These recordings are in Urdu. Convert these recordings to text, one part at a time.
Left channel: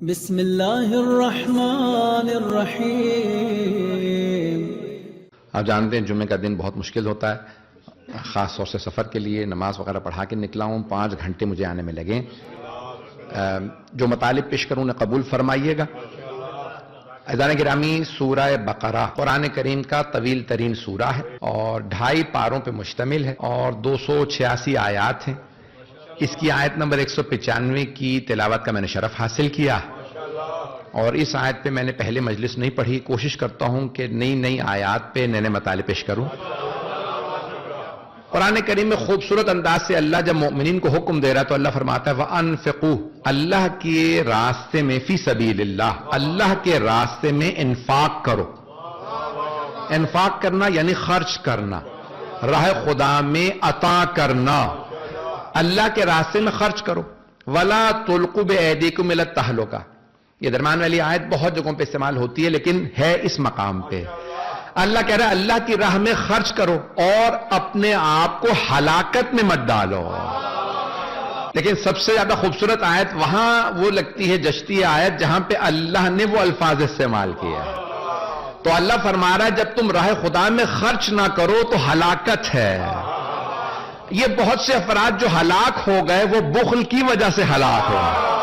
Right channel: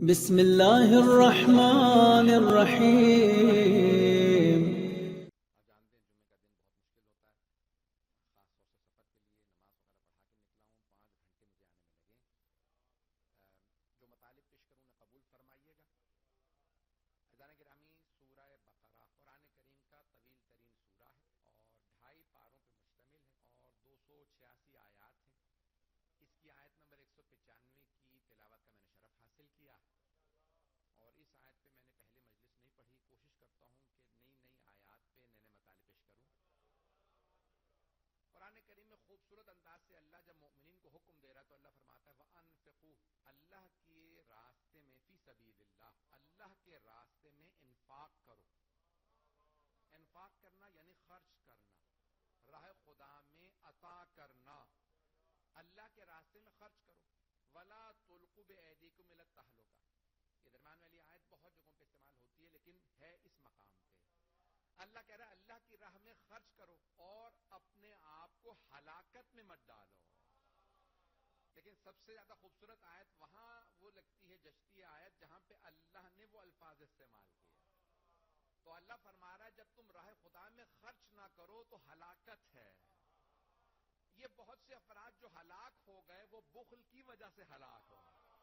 بسم اللہ الرحمن الرحیم۔ آپ جانتے ہیں جمعے کا دن بہت مشکل ہوتا ہے، خاص طور سے سفر کے لیے نماز وغیرہ پڑھا کے نکلا ہوں، 5 گھنٹے مجھے آنے میں لگے۔ جو مطالب پیش کروں نے قبول فرمائیے گا۔ عزیزان گرامی، سورہ بقرہ قرآن کریم کا طویل ترین سورہ ہے اور 2.5 پاروں پہ مشتمل ہے اور 286 آیات ہیں۔ اس کی آیت نمبر 195 کی تلاوت کا میں نے شرف حاصل کیا اور اس آیت پہ میں نے پہلے مجلس نہیں پڑھی۔ کوشش کرتا ہوں کہ نئی آیات پہ نئے مطالب پیش کروں۔ قرآن کریم میں خوبصورت انداز سے اللہ جب مومنین کو حکم دے رہا تو اللہ فرماتا ہے وَأَنفِقُوا، اللہ کے راستے میں، فی سبیل اللہ، اللہ کے راستے میں انفاق کرو۔ انفاق کرنا یعنی خرچ کرنا، راہ خدا میں عطا کرنا، اللہ کے راستے میں خرچ کرو۔ وَلَا تُلْقُوا بِأَيْدِيكُمْ إِلَى التَّهْلُكَةِ، یہ درمیان والی آیت بہت جگہوں پہ استعمال ہوتی ہے لیکن ہے اس مقام پہ۔ اللہ کہہ رہا ہے اللہ کی راہ میں خرچ کرو اور اپنے آپ کو ہلاکت میں مت ڈالو۔ لیکن سب سے زیادہ خوبصورت آیت وہاں وہ لگتی ہے، جچتی ہے آیت جہاں پہ اللہ نے وہ الفاظ استعمال کیا ہے۔ تو اللہ فرما رہا ہے جب تم راہ خدا میں خرچ نہ کرو تو ہلاکت ہے۔ یہ بہت سے افراد جو ہلاک ہو گئے وہ بخل کی وجہ سے ہلاک ہو گئے۔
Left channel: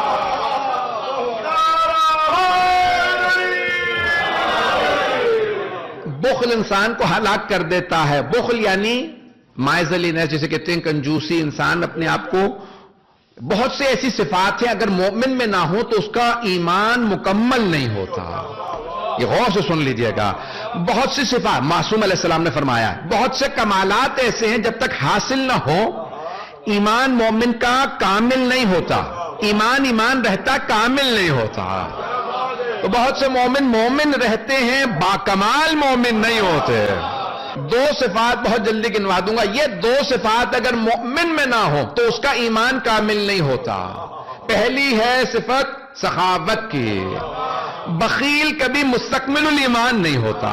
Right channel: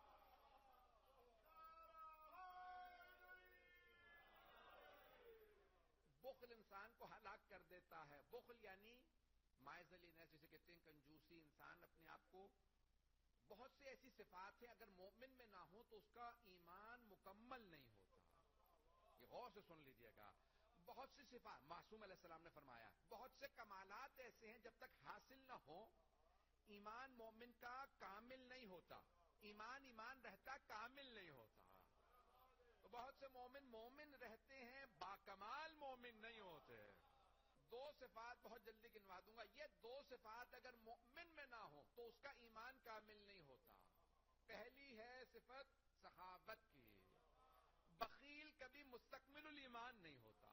بخل انسان کو ہلاک کر دیتا ہے۔ بخل یعنی مائزلینس، جسے کہتے ہیں کنجوسی۔ انسان اپنے آپ کو، بہت سے ایسی صفات ہیں اگر مومن میں نہ ہو تو اس کا ایمان مکمل نہیں ہوتا۔ یہ غور سے سن لیجئے گا۔ بہت سی صفات معصوم علیہ السلام نے فرمایا، بہت سے کمالات ایسے ہیں جب تک حاصل نہ ہو ایمان مومن کا کامل نہیں ہوتا۔ ایمان رہتا کامل نہیں ہوتا۔ تو بہت سے مومن رہتے ہیں، باکمال مومن نہیں ہوتے۔ 2 صفات بہت جلدی گنوا دوں گا۔ یہ 2 صفات اگر مومن میں نہ ہو تو اس کا ایمان کامل نہیں ہوتا۔ پہلی ہے صفت سخاوت کی۔ بخیل کبھی مستکمل الایمان نہیں ہوتا۔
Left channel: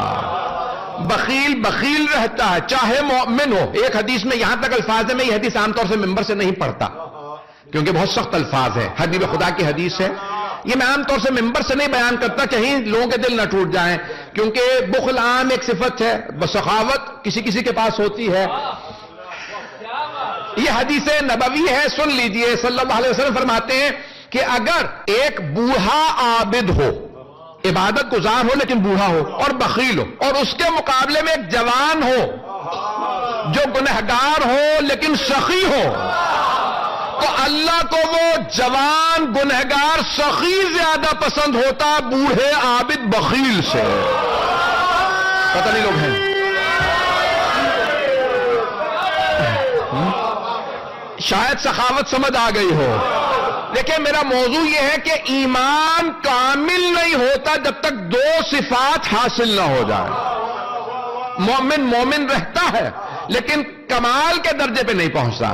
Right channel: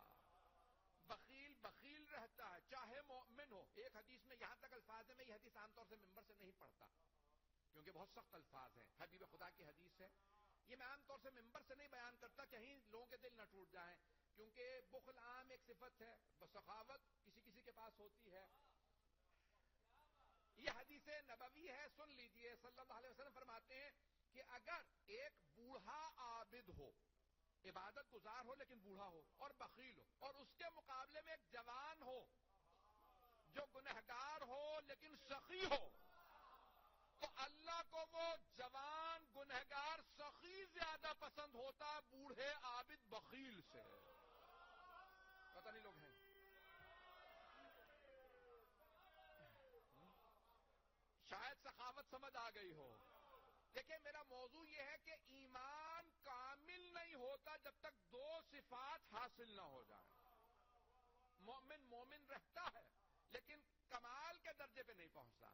بخیل رہتا ہے چاہے مومن ہو۔ ایک حدیث میں یہاں تک الفاظ ہے، میں یہ حدیث عام طور سے ممبر سے نہیں پڑھتا کیونکہ بہت سخت الفاظ ہے، حبیب خدا کی حدیث ہے۔ یہ میں عام طور سے ممبر سے نہیں بیان کرتا، کہیں لوگوں کے دل نہ ٹوٹ جائیں، کیونکہ بخل عام ایک صفت ہے، سخاوت کسی کے پاس ہوتی ہے۔ یہ حدیث نبوی ہے، سن لیجئے۔ صلی اللہ علیہ وسلم فرماتے ہیں کہ اگر ایک بوڑھا عابد ہو، عبادت گزار ہو لیکن بوڑھا ہو اور بخیل ہو، اور اس کے مقابلے میں ایک جوان ہو جو گنہگار ہو لیکن سخی ہو، تو اللہ کو وہ جوان گنہگار سخی زیادہ پسند ہوتا بوڑھے عابد بخیل سے۔ پتہ نہیں لوگ ہیں، شاید سخاوت سمجھ آ گئی ہو، لیکن میرا موضوع یہ ہے کہ ایمان کامل نہیں ہوتا جب تک 2 صفات حاصل نہ ہو جائے۔ مومن رہتا ہے لیکن کمال کے درجے پہ نہیں پہنچتا،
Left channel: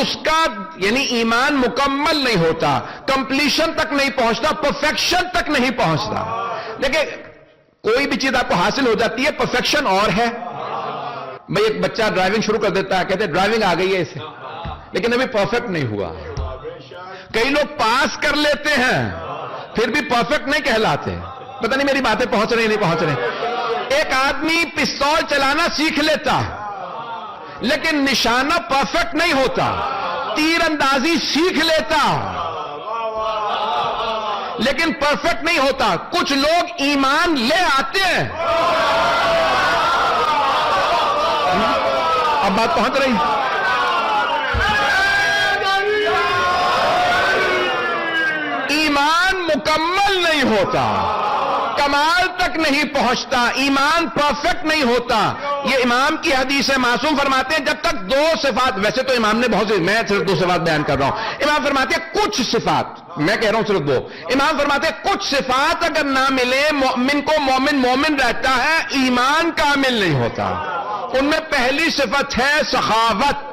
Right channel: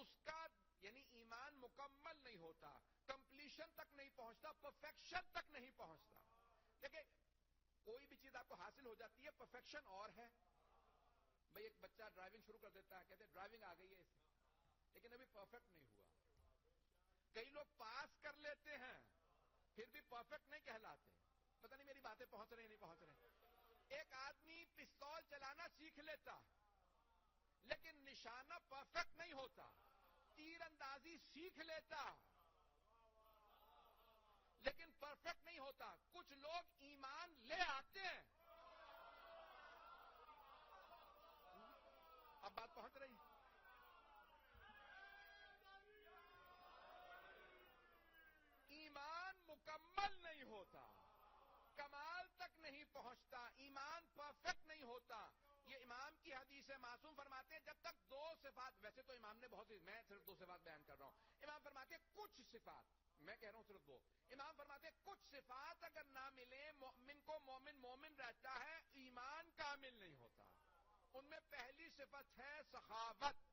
اس کا یعنی ایمان مکمل نہیں ہوتا، کمپلیشن تک نہیں پہنچتا، پرفیکشن تک نہیں پہنچتا۔ لیکن کوئی بھی چیز آپ کو حاصل ہو جاتی ہے، پرفیکشن اور ہے۔ بھئی ایک بچہ ڈرائیونگ شروع کر دیتا ہے، کہتے ہیں ڈرائیونگ آ گئی ہے اسے، لیکن ابھی پرفیکٹ نہیں ہوا۔ کئی لوگ پاس کر لیتے ہیں پھر بھی پرفیکٹ نہیں کہلاتے۔ پتہ نہیں میری باتیں پہنچ رہی نہیں پہنچ رہی۔ ایک آدمی پستول چلانا سیکھ لیتا لیکن نشانہ پرفیکٹ نہیں ہوتا۔ تیر اندازی سیکھ لیتا لیکن پرفیکٹ نہیں ہوتا۔ کچھ لوگ ایمان لے آتے ہیں۔ اب بات پہنچ رہی؟ ایمان مکمل نہیں ہوتا، کمال تک نہیں پہنچتا، ایمان پرفیکٹ نہیں ہوتا۔ یہ امام کی حدیث ہے، معصوم فرماتے ہیں جب تک 2 صفات، ویسے تو امام نے بہت سی، میں صرف 2 صفات بیان کر رہا ہوں۔ امام فرماتے ہیں کچھ صفات، میں کہہ رہا ہوں صرف 2۔ امام فرماتے ہیں کچھ صفات اگر نہ ملے مومن کو، مومن رہتا ہے، ایمان کامل نہیں ہوتا۔ ان میں پہلی صفت ہے سخاوت۔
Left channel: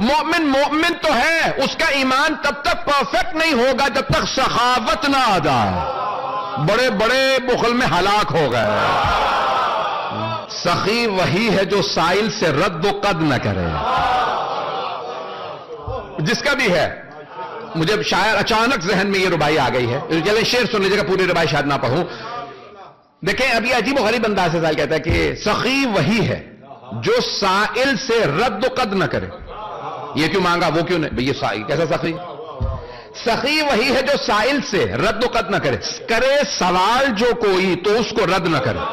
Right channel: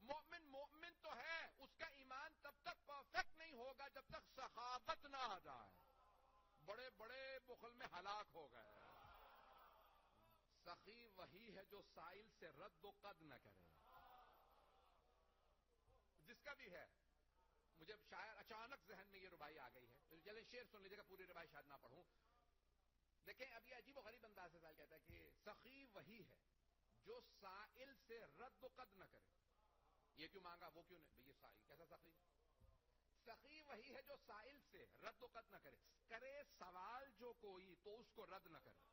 مومن تو ہے، اس کا ایمان تب تک پرفیکٹ نہیں ہوگا جب تک سخاوت نہ آ جائے۔ بڑے بخل میں ہلاک ہو گئے۔ سخی وہی ہے جو سائل سے رد و قد نہ کرے۔ جس کا بھی ہے مجھے شاید اچانک ذہن میں یہ ربائی آ گئی ہے، چلیں شعر سن لیجیے گا، پوری ربائی شاید نہ پڑھوں. دیکھیں ابھی عجیب و غریب انداز سے سائل کہتا ہے کہ سخی وہی ہے جو سائل سے رد و قد نہ کرے. یہ کیوں مانگا وہ کیوں نہیں؟ یہ سائل کیسا سخی؟ سخی وہی ہے جو سائل سے رد و قد نہ کرے، کرے سوال جو کوئی تو اس کو رد نہ کرے.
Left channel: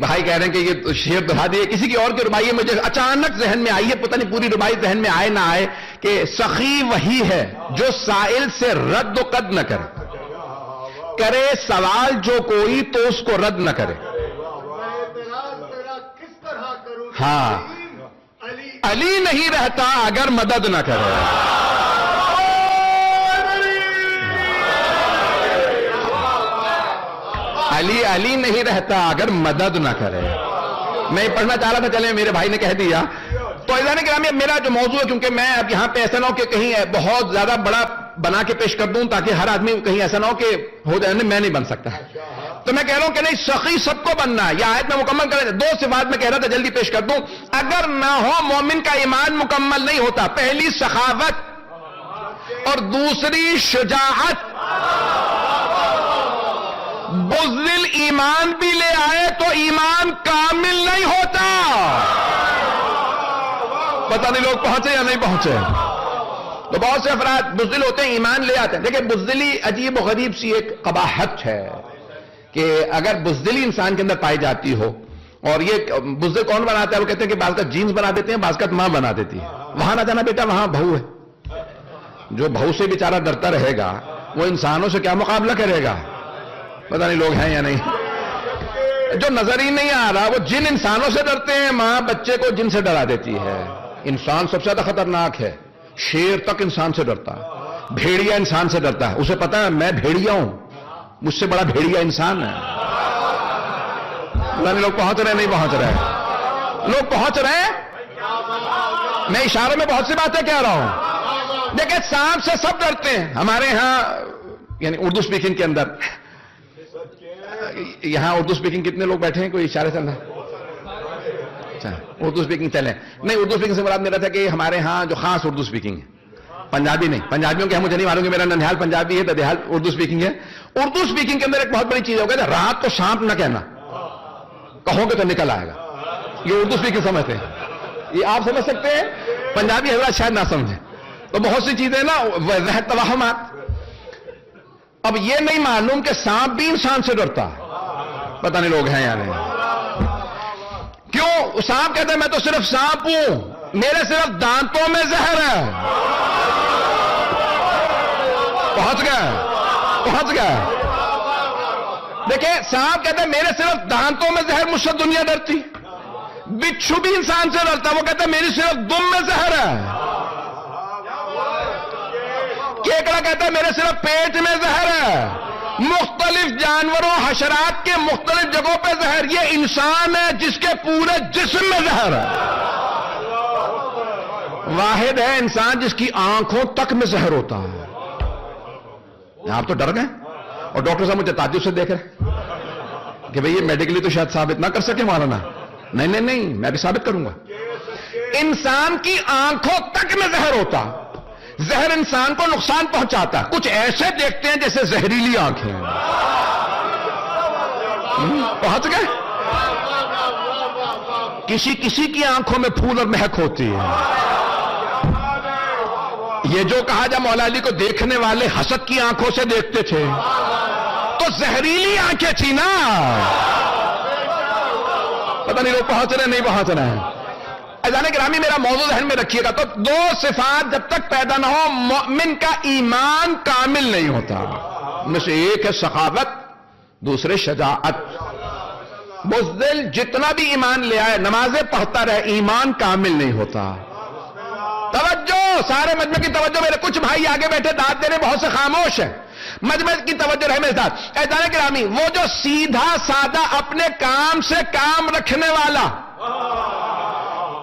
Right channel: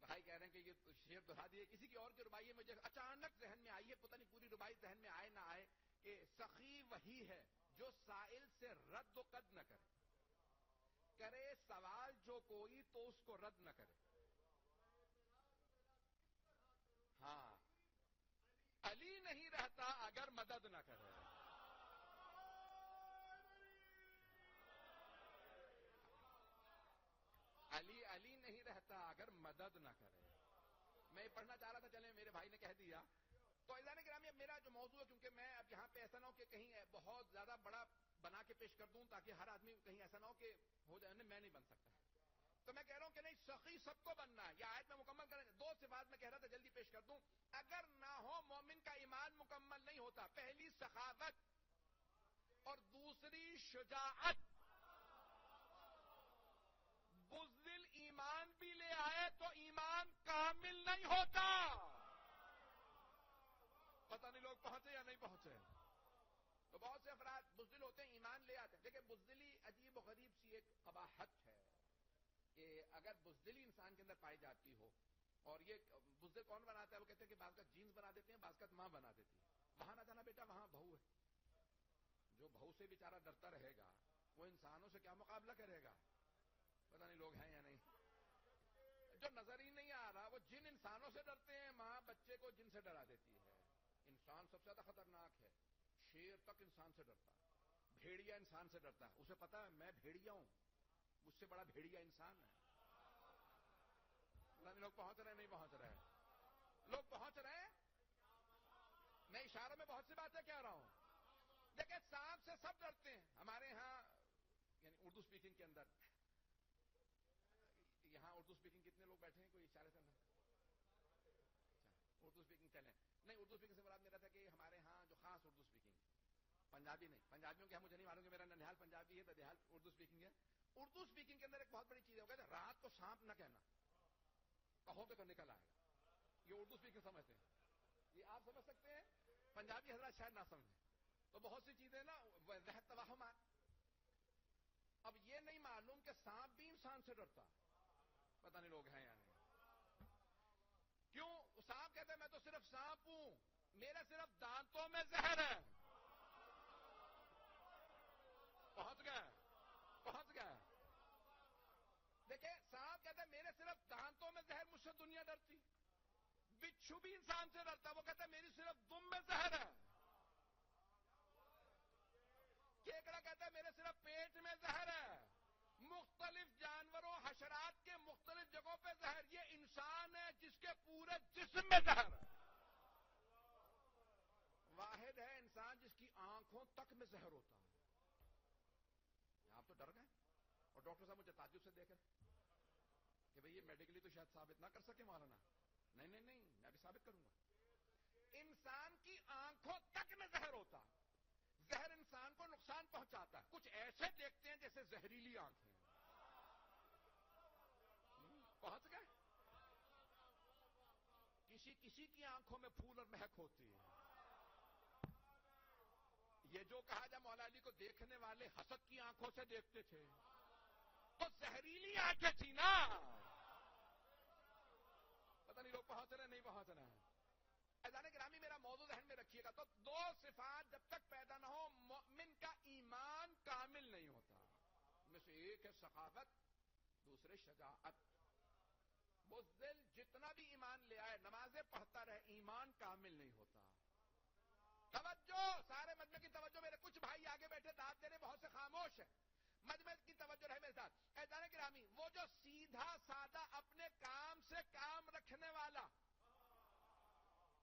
بھائی کہہ رہے ہیں کہ یہ شعر دہرا دیے، کسی کی اور کی ربائی ہے، مجھے اچانک ذہن میں آئی ہے، پتہ نہیں پوری ربائی ذہن میں آئے نہ آئے، کہ سخی وہی ہے جو سائل سے رد و قد نہ کرے، کرے سوال جو کوئی تو اس کو رد نہ کرے. ہاں علی نہیں رہتا اگر مدد نہ کرے. علی نہیں رہتا اگر مدد نہ کرے. میں پڑھنا چاہ رہا تھا، چلیں میرے بھائی نے کہہ دیا. تو عزیزان گرامی میرا جو موضوع ہے، کیونکہ میں اب یہاں پہ ایسا نہ ہو کہ کہیں بہت زیادہ بڑا بنا کے پیش کر دوں تاکہ ہر آدمی کہیں ایسا نہ ہو کہ ہو جائے میں نہیں بن سکتا، تو میں کہہ رہا ہوں کہ نہیں، سخی سب کو بننا ہے. یہ آیت میں مکمل کریں. دو صفات میں کہہ رہا تھا جلدی پیش کر دوں. اگر نہ ہو مومن کا ایمان مکمل نہیں ہوتا. پہلی سخاوت اور دوسری شجاعت. بزدل ایمان بھی لے آئے تو ایمان کامل نہیں ہوتا. پتہ نہیں لوگ پہنچے یا نہیں پہنچے. تو بہت سے افراد بزدل ہوتے ہیں، ایمان لے آتے ہیں. دیکھیں بزدلی عجیب و غریب سی ایک قباحت ہے کہ اگر بزدلی انسان کے اندر پائی جاتی ہو، اور یہ بزدل کون بناتا ہے؟ وہ کہتے ہیں کہ بعض کا جینز بنا دیتے ہیں، بعض کا ماں بنا دیتی ہے. وہاں نہ جانا بیٹا، وہاں بہو ہے. جو بہو سے بیچارہ ڈرتا رہے گا وہ انسانوں سے کیا مقابلہ کرے گا؟ پتہ نہیں لوگ ہیں یا نہیں. جو نظر ہی نہیں آ رہا، وہ جن انسانوں سے ڈرتے ہیں، ماں بچے کو جن سے ڈرا دیتی ہے. انسان سب سے زیادہ خطرناک ہے. شیر تک انسان سے ڈرتا ہے، بھیڑیا انسان سے ڈرتا ہے. اسے پتا ہے میں بھیڑیا ہوں، مجھ سے بڑا بھیڑیا انسان ہے. لوگ پہنچ رہے نہیں پہنچ رہے؟ لوگ پہنچ رہے ہیں. میں اشاروں میں بہت سی باتیں کہہ رہا ہوں. دیکھیں سانپ سے سب ڈرتے ہیں. ہمارے ہاں یعنی اردو سپیکنگ کے اندر، یہاں اردو سپیکنگ کتنے لوگ بیٹھے ہیں؟ کوئی اشارے سے؟ اچھا اردو سپیکنگ چلیں. نہیں، اردو سپیکنگ سے مراد میرا تھا کہ ہمارے ہاں جو خاص اردو سپیکنگ ہے، پنجابی نہیں. پنجابیوں کے مجھے نہیں معلوم کہ میرا ننہال پنجابی ہے، ددیال اردو سپیکنگ ہے. اردو سپیکنگ کے اندر ایک بہت بڑی چیز ہوگا، رات کو سانپ نہ کہنا، کہو گے تو نکل آئے گا. یہ اردو سپیکنگ سمجھتے ہیں. یہ آپ سمجھ سکتے ہیں، پنجابی حضرات شاید نہ سمجھیں. تو بہت سی چیزیں نا ذہن توہمات. اب یہ نہیں معلوم کہ سانپ بھی انسان سے ڈرتا ہے. پتہ نہیں لوگ ہیں یا نہیں. کیوں؟ سانپ کہتے ہیں میں تو صرف سانپ ہوں، میرے صرف دانتوں میں زہر ہے. پہنچ گئے. دیکھیں سانپ کہتے ہیں میرے صرف دانتوں میں زہر، مجھ سے دنیا ڈرتی. بچھو بھی انسان سے ڈرتا، وہ کہتا ہے میری صرف دم میں زہر ہے. کیکڑا کہتا ہے میرے صرف پیٹ میں زہر ہے. مختلف جانوروں حشرات کے مختلف جگہوں پہ زہر. یہ انسان ہے جس کے پورے جسم میں زہر ہے. واحد ہے انسان جس کی آنکھوں تک میں زہر ہوتا ہے. آپ تو ڈر گئے، اور ڈاکٹر صاحب مجھے تعجب سے دیکھ رہے کہ بھئی یہ میڈیکلی تو شاید ثابت نہ کر سکے مولانا. نہیں میں بھی ثابت کروں گا. انسان کی آنکھوں تک میں زہر ہوتا. زہر انسان کو نقصان پہنچاتا. کچھ ایسے دیکھتے ہیں جیسے زہریلی آنکھیں. پہنچ گئے. کسی کی آنکھوں میں پھول اور مہک ہوتی ہے. یہ جو کہا جا مولا علی کو دیکھنے والے حسد کی آنکھوں سے دیکھتے تھے، تو زہریلی آنکھیں تھی نا. پتہ نہیں لوگ پہنچ رہے نہیں پہنچ رہے ہیں. عزیزان گرامی میرا موضوع ذہن میں رکھیے گا. تو دو صفات جب تک پیدا نہ ہو مومن کا ایمان کامل نہیں ہوتا. ان میں سے ایک ہے سخاوت، دوسرے شجاعت. بزدل جتنا بھی ایمان لے آئے، نمازیں پڑھتا رہے، ایمان کامل نہیں ہوتا. توجہ سارے مجمع کی توجہ. میرے کچھ بھائی آگے بیٹھے داد دے رہے، بہت سے خاموش ہیں. مجمع کی توجہ رہے میرے ساتھ. عزیزان گرامی وہ جو سیدھا سادہ اپنے کام سے کام رکھنے والا،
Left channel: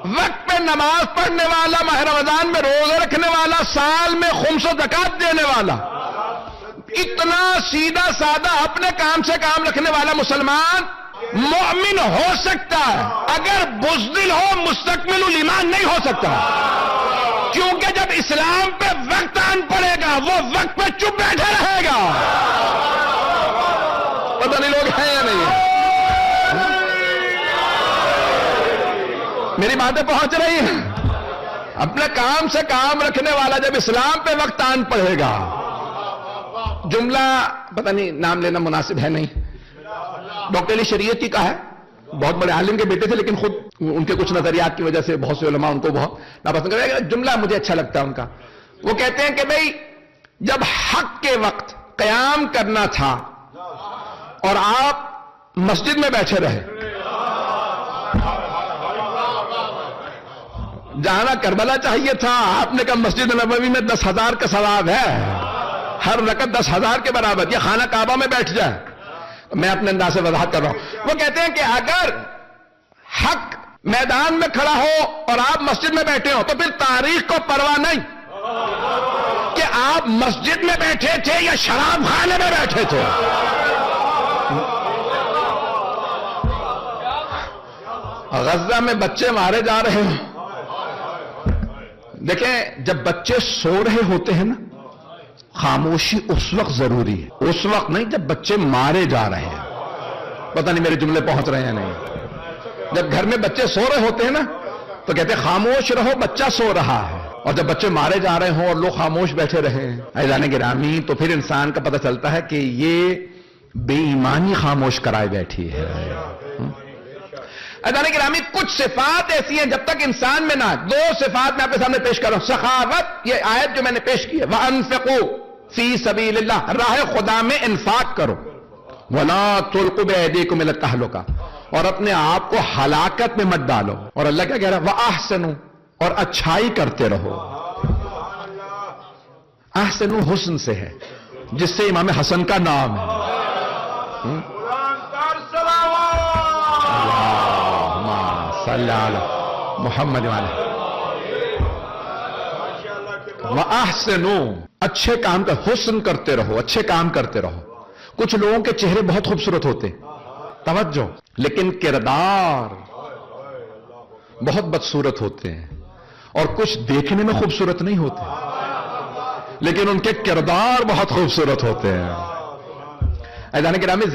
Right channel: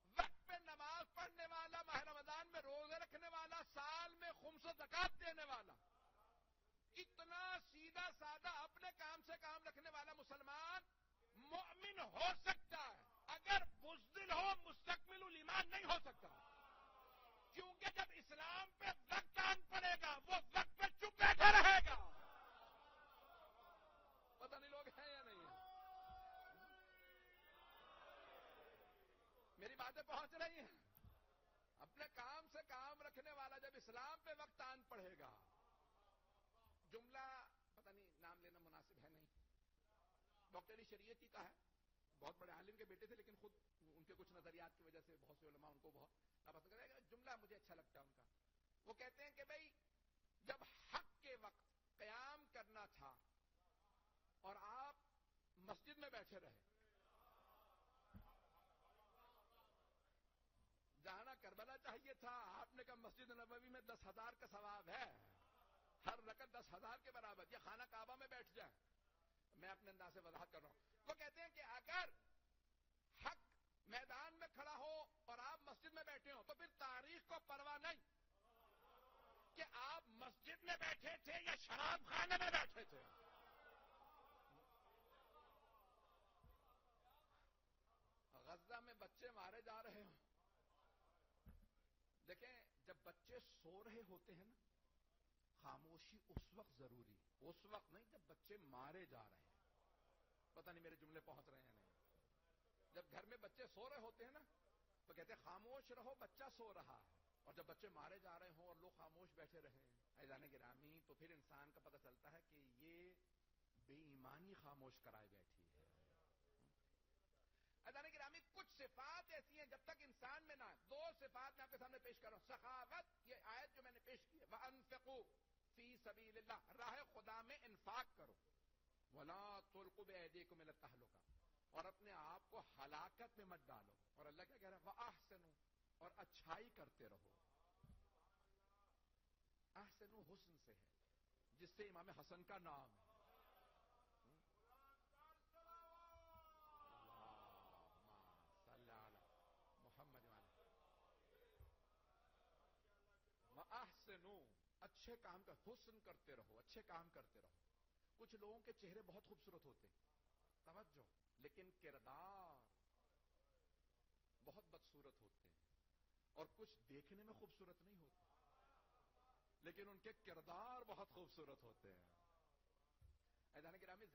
وقت پہ نماز پڑھنے والا، ماہ رمضان میں روزے رکھنے والا، سال میں خمس و زکات دینے والا، اتنا سیدھا سادہ اپنے کام سے کام رکھنے والا مسلمان مومن ہو سکتا ہے، اگر بزدل ہو مستکمل الایمان نہیں ہو سکتا، کیونکہ جب اسلام پہ وقت آن پڑے گا وہ وقت پہ چپ بیٹھا رہے گا. پتہ نہیں لوگ ہیں یا نہیں؟ میری باتیں پہنچ رہی ہیں؟ اپنے کام سے کام رکھنے والا جب اسلام پہ وقت آن پڑے گا، جملہ پتہ نہیں نام لینا مناسب ہے نہیں، ڈاکٹر علی شریعتی کا ہے، بہت بڑے عالم کے بیٹے تھے، لیکن خود ان کے کچھ نظریات کی وجہ سے بہت سے علماء ان کو بہت ناپسند کرتے. جملہ مجھے اچھا لگتا ہے ان کا. وہ کہتے ہیں کہ بھئی جب حق کے وقت قیام کرنا تھا اور آپ مسجد میں بیٹھے رہے، جانا کربلا چاہیے تھا، آپ نے کہا مسجد نبوی میں 10,000 کا ثواب ہے، ہر رکعت 10,000 کے برابر، یہ خانہ کعبہ میں بیٹھ جائے. میں اپنے انداز سے وضاحت کر رہا ہوں. وہ کہتے ہیں کہ اگر حق میدان میں کھڑا ہو اور آپ مسجد میں بیٹھے ہو تو پھر تاریخ کو پرواہ نہیں کہ آپ مسجد میں بیٹھے تھے یا شراب خانے میں بیٹھے تھے. غزہ میں بچے مارے جا رہے ہیں. دیکھیں جب بچے سو رہے ہوتے ہیں نا، خاموشی اس وقت ضروری ہے، اس وقت نہیں جب بچے مارے جا رہے ہیں. پتہ نہیں میرے جملے پہنچ رہے ہیں نہیں؟ جب گھر میں بچے سو رہے ہوتے ہیں نا تو کہتے ہیں خاموش رہو، بچہ سو رہا ہے. اور جب بچے مارے جا رہے ہوں اور لوگ خاموش بیٹھے رہے ہیں عزیزان گرامی، تو پھر انسان کا پتہ چلتا ہے کہ یہ بے ایمانی خاموش کرائے بیٹھی ہے. عزیزان گرامی، کچھ صفات ایسی ہیں جب تک انسان میں نہ، دو صفات میں آپ کے سامنے پیش کر رہا ہوں. سخاوت، یہ آیت جو میں نے پیش کی ہے، وَأَنفِقُوا فِي سَبِيلِ اللَّهِ، راہ خدا میں انفاق کرو، وَلَا تُلْقُوا بِأَيْدِيكُمْ إِلَى التَّهْلُكَةِ، اور اپنے آپ کو ہلاکت میں مت ڈالو. اور اللہ کیا کہہ رہا ہے؟ وَأَحْسِنُوا، اور اچھائی کرتے رہو. احسنوا حسن سے ہے، جس سے امام حسن کا نام ہے. صلی علی محمد وعلی. وَأَحْسِنُوا، اچھے کام کر، حسن کرتے رہو، اچھے کام کرتے رہو. کچھ لوگوں کے چہرے بہت خوبصورت ہوتے، توجہ، لیکن کردار بہت بدصورت ہوتے ہیں. اور کچھ دیکھنے میں خوبصورت نہیں ہوتے لیکن ان کے کردار بہت خوبصورت ہوتے ہیں. عزیزان گرامی،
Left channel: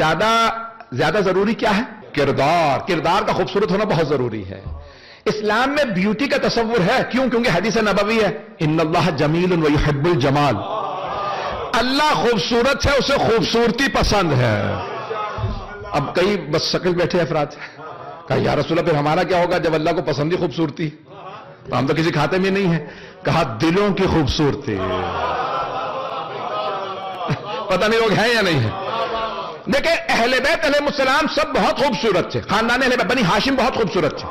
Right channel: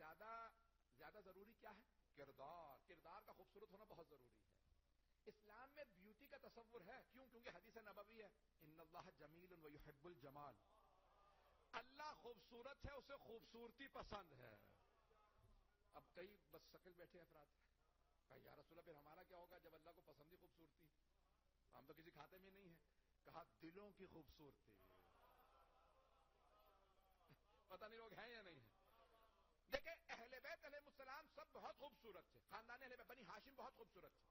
زیادہ ضروری کیا ہے؟ کردار کا خوبصورت ہونا بہت ضروری ہے. اسلام میں بیوٹی کا تصور ہے، کیونکہ حدیث نبوی ہے، ان اللہ جمیل ویحب الجمال، اللہ خوبصورت ہے، اسے خوبصورتی پسند ہے. اب کئی بس شکل بیٹھے افراد کہا یا رسول اللہ پھر ہمارا کیا ہوگا جب اللہ کو پسند ہی خوبصورتی؟ تو ہم تو کسی کھاتے میں نہیں ہیں. کہا دلوں کی خوبصورتی. پتہ نہیں لوگ ہیں یا نہیں ہیں؟ دیکھیں اہل بیت علیہ السلام سب بہت خوبصورت تھے، خاندان اہل بیت بنی ہاشم بہت خوبصورت تھے،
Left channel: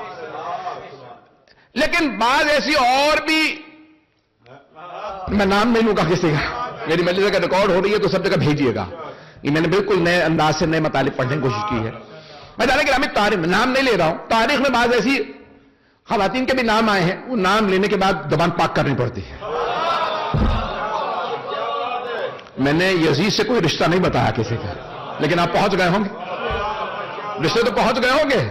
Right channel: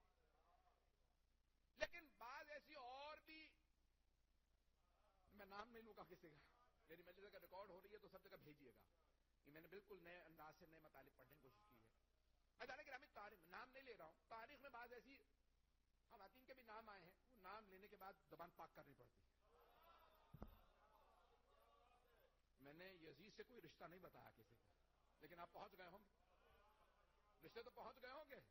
لیکن بعض ایسی اور بھی، میں نام نہیں لوں گا کسی کا، میری مجلس کا ریکارڈ ہو رہی ہے تو سب جگہ بھیجیے گا. یہ میں نے بالکل نئے انداز سے نئے مطالب پڑھنے کی کوشش کی ہے. میں جانے کہ ہمیں تاریخ نام نہیں لے رہا ہوں، تاریخ میں بعض ایسی خواتین کے بھی نام آئے ہیں، وہ نام لینے کے بعد زبان پاک کرنی پڑتی ہے. میں نے یزید سے کوئی رشتہ نہیں بتایا کسی کا، لیکن آپ پہنچ گئے ہوں گے، رشتے تو پہنچ گئے ہوں گے.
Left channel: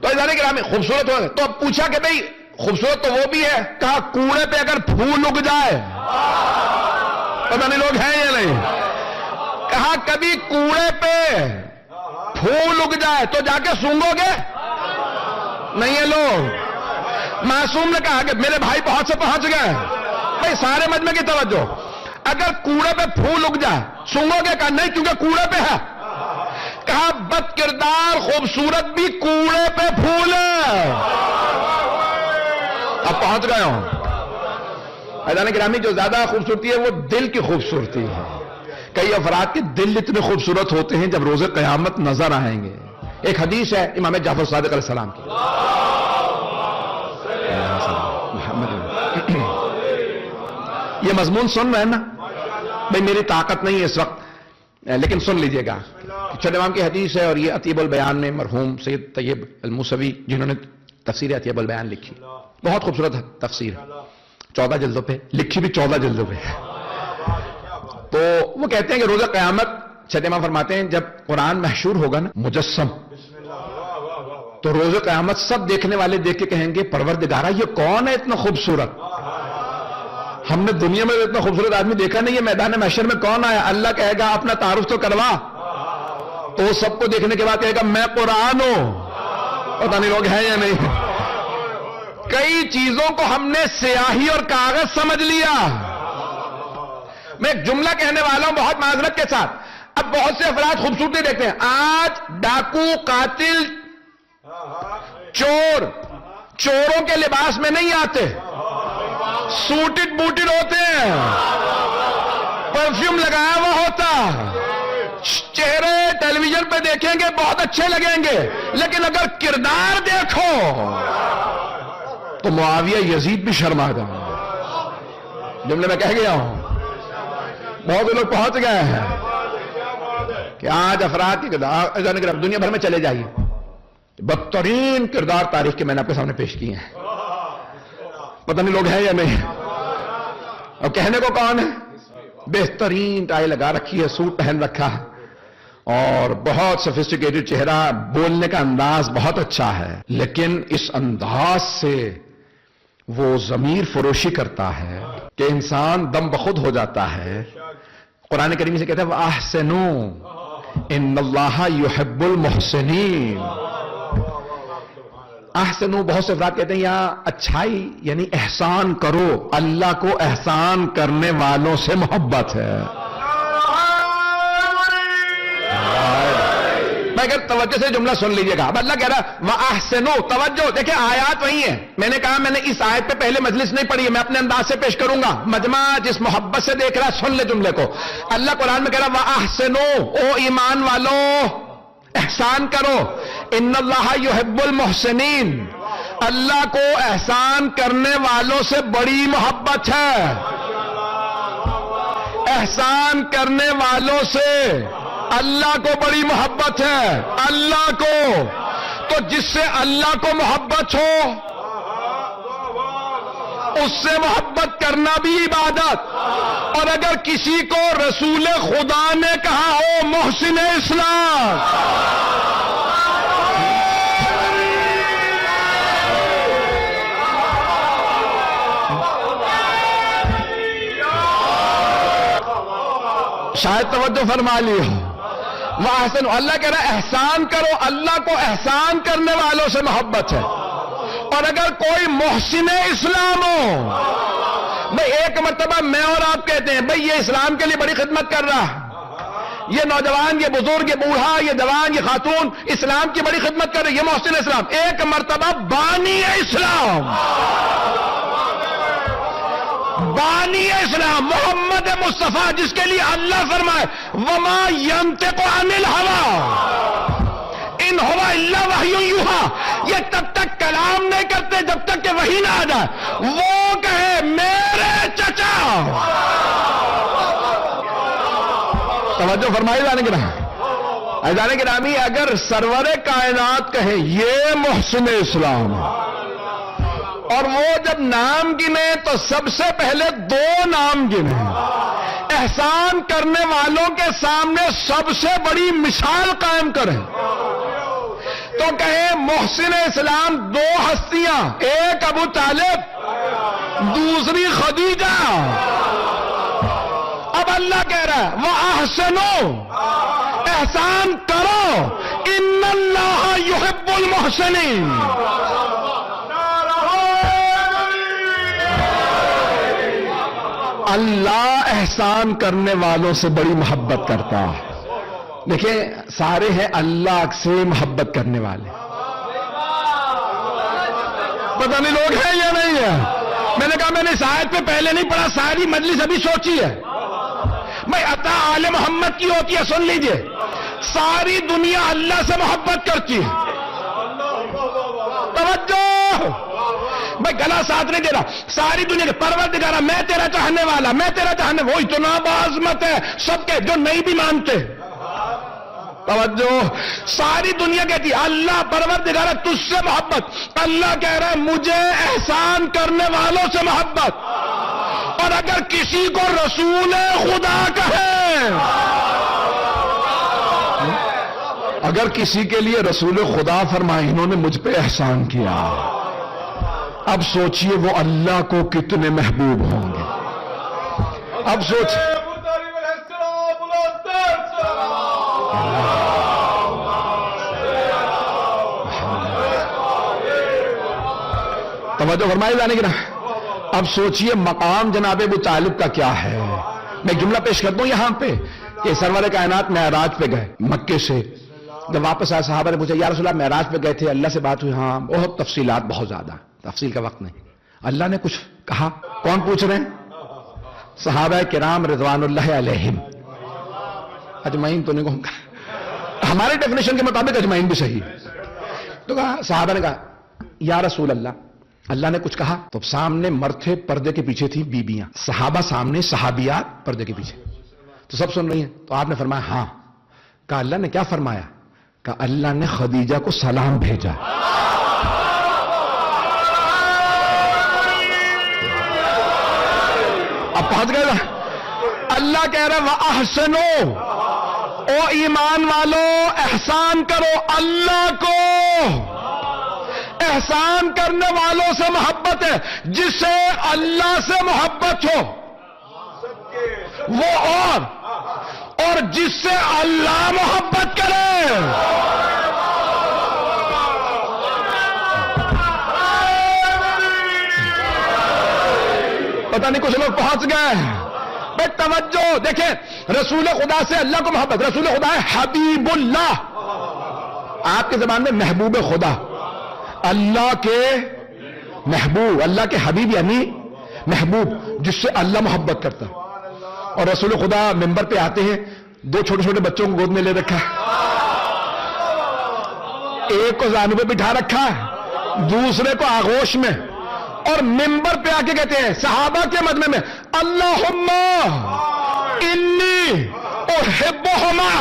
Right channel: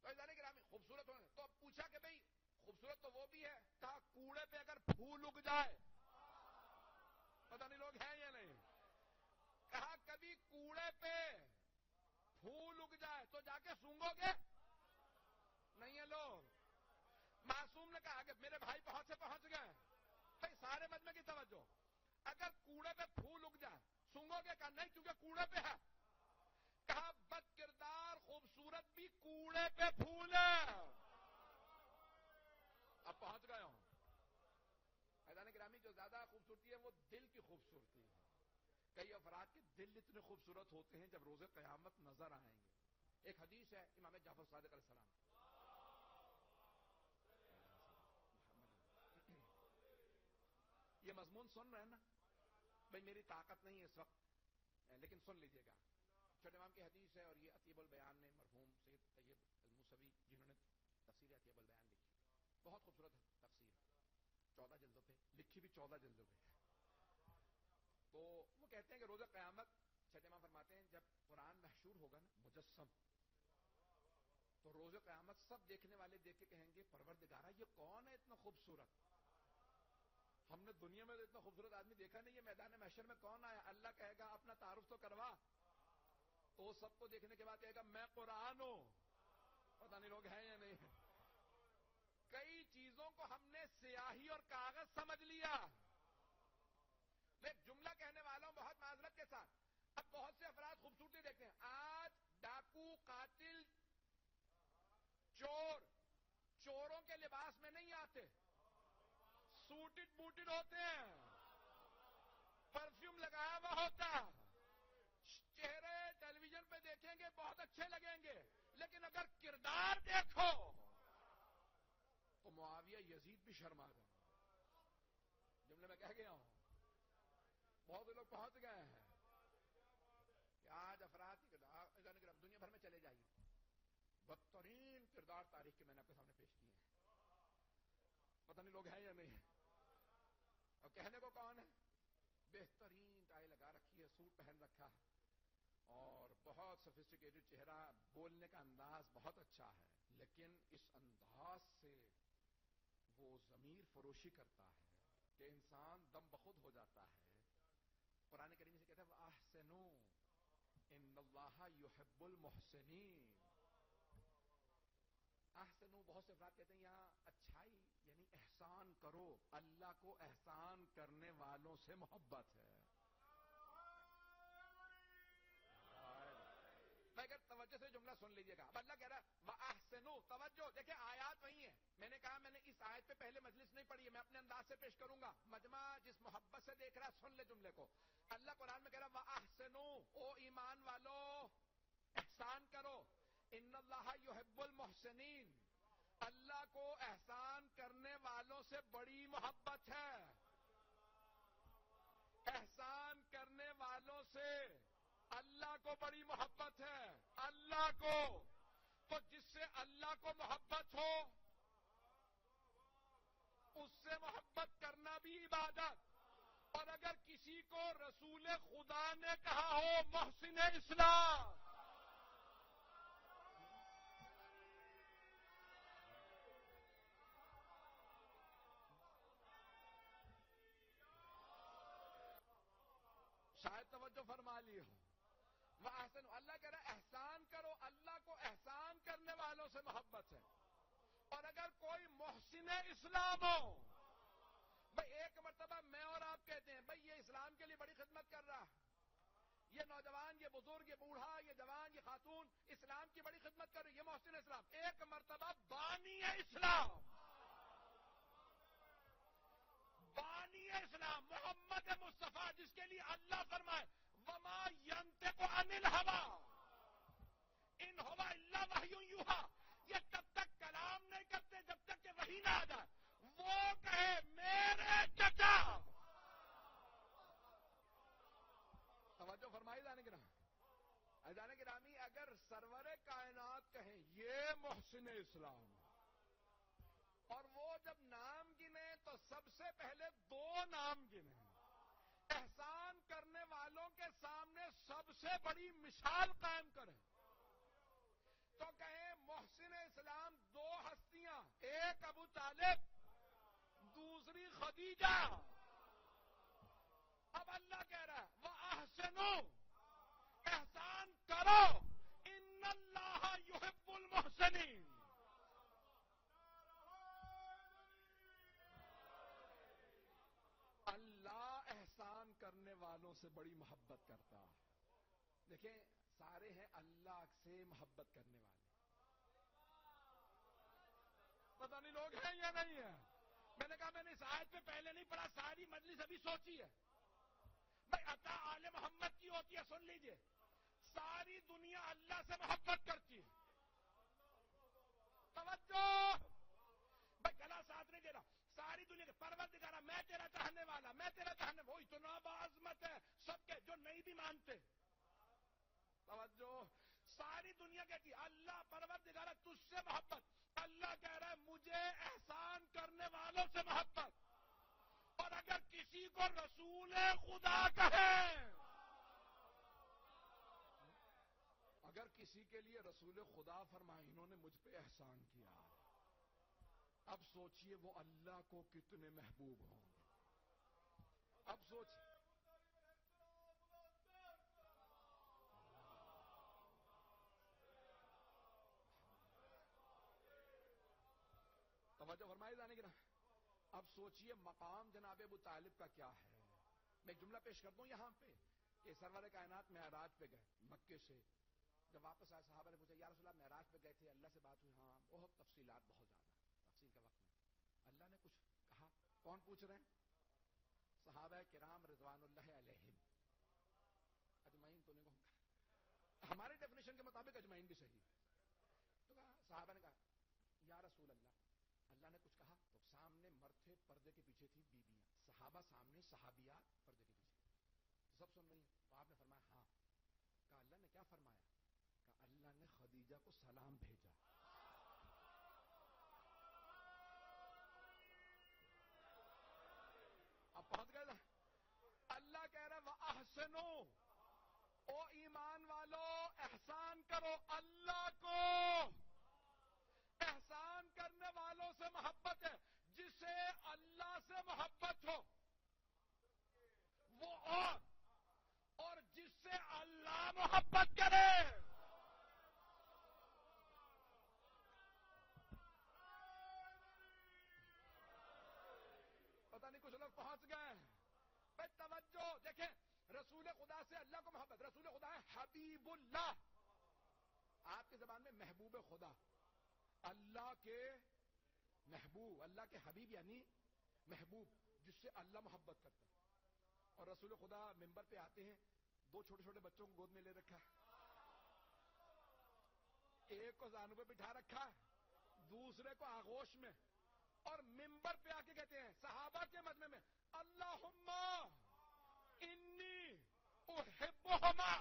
تو جانے کہ ہمیں خوبصورت ہو گئے. تو اب پوچھا کہ بھئی خوبصورت تو وہ بھی ہے، کہا کوڑے پہ اگر پھول اگ جائے، پتہ نہیں لوگ ہیں یا نہیں؟ کہا کبھی کوڑے پہ پھول اگ جائے تو جا کے سونگو گے؟ نہیں ہے لوگ. معصوم نے کہا کہ میرے بھائی بہت سے پہنچ گئے. بھئی سارے مجمع کی توجہ، اگر کوڑے پہ پھول اگ جائے سونگو گے؟ کہا نہیں، کیونکہ کوڑے پہ ہے. کہا بد کردار خوبصورت بھی کوڑے پہ پھول ہے. اب پہنچ گئے ہوں. عزیزان گرامی، جو زیادہ خوبصورتی ہے وہ دل کی خوبصورتی ہے. کئی افراد کے دل اتنے خوبصورت ہوتے ہیں جب روز قیامت نظر آئیں گے. ایک حدیث ہے امام جعفر صادق علیہ السلام کی، یہ مضمون سن رہے ہیں نا بھئی؟ میری طاقت نہیں ہے اس وقت، لیکن سن لیجئے گا. چھٹے امام کی حدیث ہے اور یہ عطیب البیان میں مرحوم سید طیب الموسوی جنہوں نے تفسیر عطیب البیان لکھی، بہت خوبصورت تفسیر ہے، 14 جلدوں پہ لکھی، بھی 14 جلدوں پہ. تو وہ کہتے ہیں کہ روز قیامت چھٹے امام فرماتے ہیں جب قرآن محشور ہوگا نا مجسم، تو روز قیامت سب دیکھنے والے دیکھ کے کہیں گے پروردگارہ یہ کون ہے اتنا خوبصورت؟ ہم نے دنیا میں اتنا خوبصورت آدمی دیکھا نہیں، یہ میدان محشر میں کون آیا؟ اللہ کہے گا اپنا تعارف تو کروا، تو سب کو دیکھنے کے بعد کہے گا میں قرآن ہوں۔ پتہ نہیں لوگ ہیں یا نہیں؟ کئی چیزوں کو ہم نے سیاہی اور کاغذ سمجھ لیا۔ میں ایک جملہ کہنے والا ہوں بہت معذرت کے ساتھ، اب بہت سے افراد خوبصورتی دیکھتے ہیں، آج ڈاکو، قاتل، چور چوروں کے لباس میں نہیں آتے، سوٹڈ بوٹڈ ہوتے ہیں، پرفیوم لگایا ہوا ہوتا، چہرے ٹیلی ویژن پہ دیکھیں گے بہت اچھے لگیں گے، لیکن اگر کردار دیکھو تو معاویہ یزید بھی شرما گئے۔ جملے میں کہہ گیا ہوں، بہت لوگ پہنچ گئے ہیں کہ آج افراد کی کردار دنیا بھر میں چلے جائیے، بدترین کردار تاریخ کے میں نے آپ کے سامنے پیش کیے ہیں، پتہ نہیں لوگ ہیں یا نہیں؟ اور کہنے کو کون ہے؟ بہترین ٹائی لگا رکھی ہے، سوٹ پہن رکھا ہے، اور بہت سفسٹیکیٹڈ چہرہ، بولنے کا انداز بہت اچھا ہے، لیکن اس انداز سے وہ ضمیر فروشی کرتا ہے کہ انسان دم بخود ہو جاتا ہے۔ قرآن کریم سے کہتا ہے وَأَحْسِنُوا إِنَّ اللَّهَ يُحِبُّ الْمُحْسِنِينَ۔ احسنو، بہت سے افراد کہتے ہیں یہاں اچھائی یعنی احسان کرو، اللہ کو احسان کرنے والوں سے محبت ہے۔ میں اگر توجہ سے جملہ سن لیجئے گا، اب اللہ کہہ رہا وَأَحْسِنُوا، توجہ دیکھیں آیات وہی ہیں، میں نے کہا میں نے اس آیت پہ پہلے مجلس نہیں پڑھی ہے، میں اپنے انداز سے پیش کروں گا، مجمع جس محبت سے دیکھ رہا سن لے جملے کو۔ اللہ قرآن میں کہہ رہا وَأَحْسِنُوا، او ایمان والو احسان کرو، ان اللہ یحب المحسنین، اللہ کو احسان کرنے والوں سے بڑی محبت ہے۔ احسان کرنے والوں سے اللہ کو بڑی محبت ہے، اللہ کو، تو جس سے اللہ کو محبت ہو اس سے محبت کرنا بھی عبادت، اور اگر کسی کو رسول خدا نے کہا ہو محسن اسلام، شاید توجہ فرما لی ہو۔ وَأَحْسِنُوا، اللہ کہہ رہا ہے احسان کرو، اللہ کو احسان کرنے والوں سے محبت ہے، اور اگر کوئی محسن اسلام ہو، بھئی ایک مرتبہ میں اور آپ کہتے ہیں بھئی یہ اسلام کے لیے بڑی خدمت کر رہا ہے، یہ نوجوان، یہ بزرگ، یہ بوڑھا، یہ جوان، یہ خاتون اسلام کی بڑی خدمت کر رہے، یہ محسن اسلام۔ ایک مرتبہ بانی اسلام، بانی اسلام محمد مصطفیٰ، جس کے لیے اللہ فرمائے وما ينطق عن الهوى ان هو الا وحی یوحی، یہ تب تک کلام نہیں کرتے جب تک کہ وحی نہ آ جائے، وہ کہے میرے چچا، توجہ فرمائی جانے کے نامی، اگر سرور کائنات کہیں یہ محسن اسلام، اور وہ جب نام گنے تو سب سے پہلے دو نام گنے، احسان کرنے والوں کے سامنے سب سے بڑی مثال قائم کریں، تو کہیں محسن اسلام دو ہستیاں، ایک ابو طالب، دوسری خدیجہ۔ اب اللہ کہہ رہا ہے وَأَحْسِنُوا، احسان کرو، ان اللہ یحب المحسنین۔ اللہ احسان کرنے والوں سے بڑی محبت کرتا ہے۔ دیکھیں سارے ہیں اللہ سے محبت کرنے والے، پتہ نہیں لوگ ہیں یا نہیں ہے؟ میں نے کہا میں نے اس آیت پہ پہلے نہیں پڑھا، ساری مجلس ابھی سوچی ہے، میں عطا آل محمد کی ہوتی ہے، سن لیجئے، ساری دنیا اللہ سے محبت کرتی ہے، توجہ، میں گلا ساتھ نہیں دے رہا، ساری دنیا کے پروردگارہ میں تیرا چاہنے والا، میں تیرا چاہنے، وہ اتنا بعظمت ہے سب کے جو نہیں بھی مانتے، توجہ، ساری دنیا کہتی ہے اللہ پروردگارہ تجھ سے محبت، اللہ کہہ رہا ہے مجھے احسان کرنے والوں سے محبت، اور اگر کسی کو رسول خدا کہے اگر کسی کے لیے رسول خدا فرمائے انہوں نے مجھ پہ احسان کیا، اب سوچئے وہ اللہ کو کتنے محبوب ہوں گے. اب سوچ توجہ فرمائے جانے کی نا. اب سوچئے مقام جناب ابو طالب کا کیا ہے. میں جملہ پیش کرتا ہوں یہاں پہ کہ سرور کائنات معراج پہ گئے مکے سے، جب واپس آئے صحابہ نے پوچھا یا رسول اللہ معراج پہ گئے تھے، اللہ سے بات ہوئی؟ ہاں. بہت تفصیلات، بہت زیادہ تفصیل کا وقت نہیں. اللہ نے کچھ کہا؟ کون پوچھ رہے ہیں؟ صحابہ کرام رضوان اللہ علیہم. اجمعین تو نہیں کہوں گا، ہمارے ڈیفینیشن کے مطابق اجمعین بھی صحیح ہے. تو کہا، صحابہ نے کہا یا رسول اللہ، اللہ نے کچھ کہا؟ تو سامنے مرد تھے، پردے کے پیچھے تھی بیبیاں، صحابہ سامنے، صحابیات پردے کے پیچھے، تو سب سن رہی ہیں. تو آپ نے فرمایا ہاں. کہا اللہ نے کیا فرمایا؟ کہا اللہ نے خدیجہ کو سلام بھیجا. اب پہنچ گئے نا. اللہ کہہ رہا وَأَحْسِنُوا، او ایمان والو احسان کرو. اللہ کو احسان کرنے والوں سے محبت ہے. جسے اللہ سے محبت ہو وہ اور جس سے اللہ محبت کرے. پتہ نہیں کچھ لوگ پہنچ گئے. بے توجہ دیکھیں، رسول خدا سے اللہ کو محبت. رسول خدا ہے حبیب اللہ، آپ کے زبان میں محبوب خدا. اللہ کے محبوب، اللہ کے حبیب یعنی محبوب جس سے اللہ محبت کرتا. اور رسول خدا ممبر پہ آتے ہیں، دو چھوٹے چھوٹے بچوں کو گود میں لے رکھا ہے، ایک کو زانو پہ بٹھا رکھا ہے، دوسرے کو آغوش میں، اور ممبر پہ آ کے کہتے ہیں صحابہ کے مجمع میں اللہم انی احبہما،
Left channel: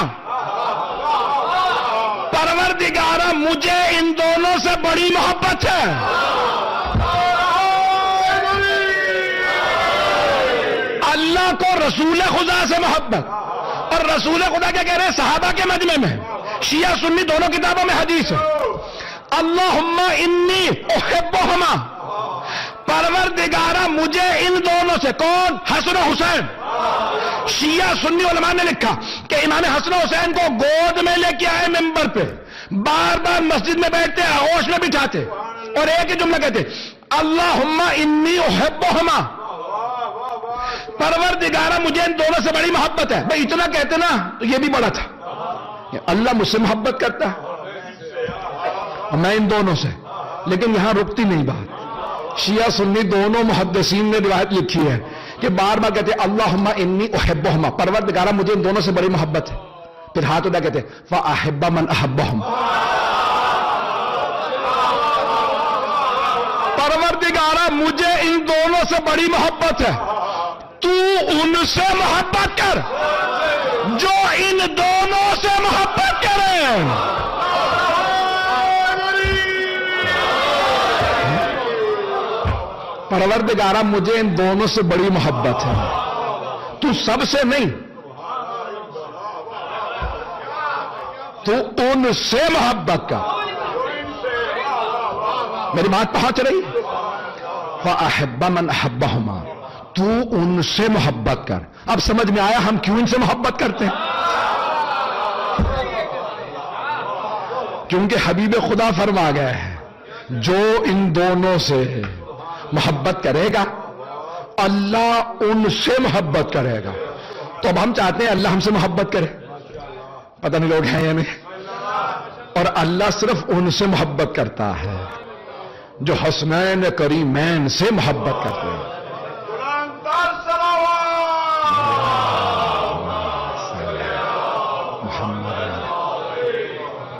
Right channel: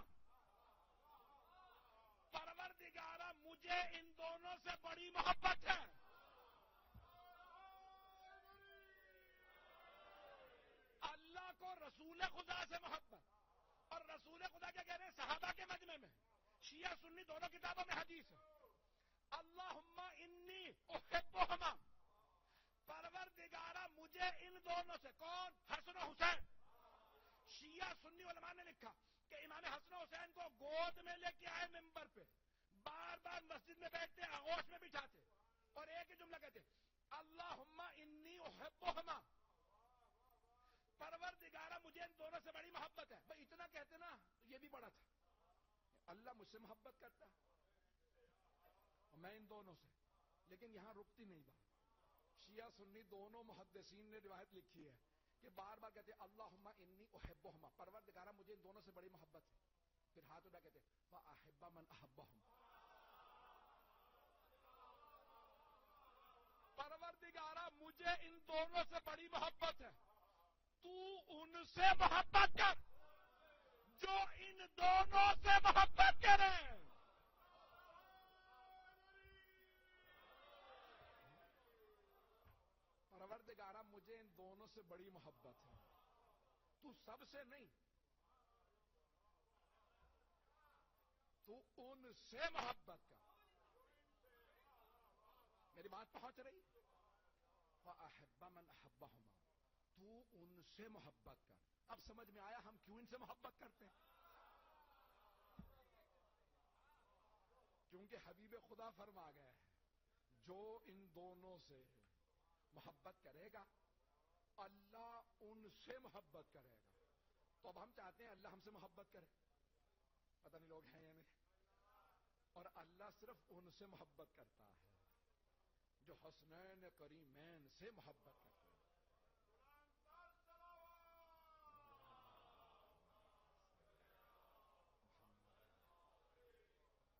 پروردگارہ مجھے ان دونوں سے بڑی محبت ہے. اللہ کو رسول خدا سے محبت. اور رسول خدا کیا کہہ رہے ہیں صحابہ کے مجمع میں؟ شیعہ سنی دونوں کتابوں میں حدیث ہے. اللہم انی احبہما، پروردگارہ مجھے ان دونوں سے. کون؟ حسن و حسین. شیعہ سنی علماء نے لکھا کہ امام حسن و حسین کو گود میں لے کے آئے ممبر پہ، بار بار مسجد میں بیٹھتے، آغوش میں بٹھاتے، اور ایک ہی جملہ کہتے اللہم انی احبہما، پروردگارہ مجھے ان دونوں سے بڑی محبت ہے. بھئی اتنا کہتے نا تو یہ بھی بڑا تھا. اللہ مجھ سے محبت کرتا ہے، میں ان دونوں سے. لیکن یہاں رکتی نہیں بات. شیعہ سنی دونوں محدثین نے روایت لکھی ہے کہ بار بار کہتے اللہم انی احبہما، پروردگارہ مجھے ان دونوں سے بڑی محبت ہے. پھر ہاتھ اٹھا کہتے فاحب من احبہم، پروردگارہ مجھے ان دونوں سے بڑی محبت ہے، تو ان سے محبت کر جو ان دونوں سے محبت کرے. پروردگارہ مجھے ان دونوں سے بڑی محبت ہے، تو سب سے نہیں، تو ان سے محبت کا. میری بات پہنچ رہی؟ فَأَحِبَّ مَنْ أَحَبَّهُمَا، تو ان سے محبت کر. اب سمجھ میں آیا ہم کیوں ان سے محبت کرتے ہیں؟ کیونکہ حبیب خدا فرما گیا ہے جو ان دونوں سے محبت کرے گا اللہ ان سے محبت کرے گا. تو اب ہم چاہتے ہیں اللہ ہم سے محبت کرے. پتہ نہیں لوگ ہیں یا نہیں. اور اللہ صرف ان سے محبت کرتا ہے جو حسنین کریمین سے محبت کرتے ہیں.